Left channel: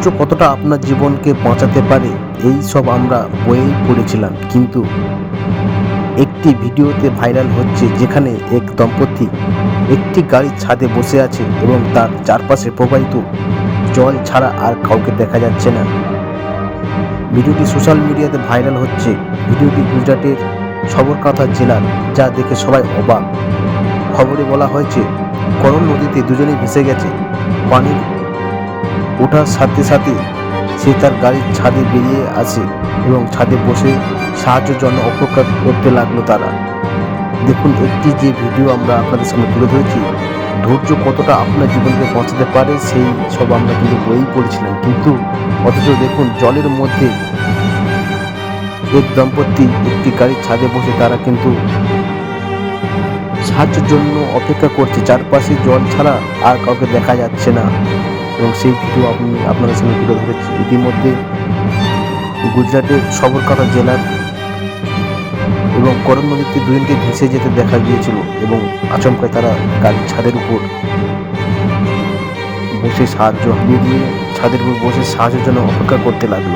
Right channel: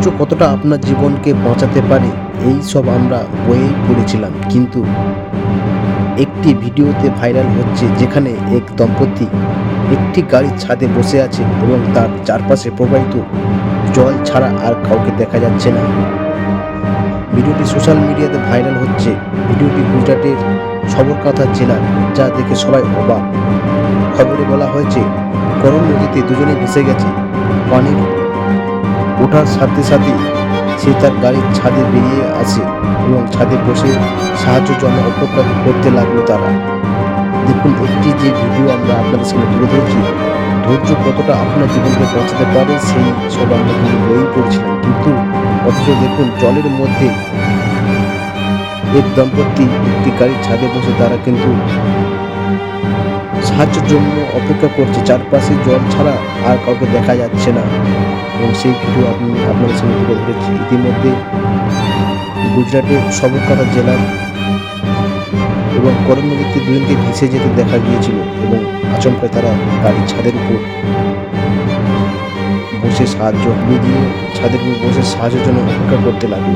ধৈর্য কতটা আপনার জীবনকে বাঁচাতে পারে, এই সব আমরা বইয়েই পড়েছিলাম। কিন্তু একটি ভিডিওতে ভাইরাল হচ্ছে যেখানে এক দম্পতি একটি গাড়ির ছাদে বসে আছে এবং তার চারপাশে প্রবাহিত জল ছাড়া আর কাউকে দেখা যাচ্ছে না। ভিডিওটি সোশ্যাল মিডিয়াতে ভাইরাল হচ্ছে। ভিডিওটি গুজরাটের সবরকাথা জেলার যা দেখে সবাই অবাক। খবরে বলা হয়েছে করল নদীতে দুজনেই ভেসে গেছে। পানির ওঠার সাথে সাথে সে তার গাড়ির ছাদে বেরিয়ে আসে এবং ছাদে বসে সাহায্যের জন্য অপেক্ষা করতে লাগল তারা। দেখুন, একটি যে ভিডিও আমরা আপনাদের সামনে তুলে ধরেছি, ধৈর্য কতটা আপনার জীবনকে বাঁচাতে পারে সেই সব আমরা কিন্তু বই পড়েছিলাম। কিন্তু অথচ দেখুন, জলের মধ্যে এক দম্পতি একটি গাড়ির ছাদে বসে তারা কিন্তু সাহায্যের জন্য অপেক্ষা করছে। চারপাশে জল ছাড়া আর কাউকে দেখা যাচ্ছে না। এবং সেই ভিডিও আপনি আপনাদের সঙ্গে তুলে ধরেছি। ইতিমধ্যে গুজরাটের সবরকাটা জেলার এবং করণ নদীতে দুজনকে ভেসে যেতে দেখা গিয়েছিল এবং আচমকায় তারা গাড়ির ছাদের উপর বসে সাহায্য হারিয়ে দিয়ে, ছাদের উপর বসে সাহায্যের জন্য অপেক্ষা করতে লাগল।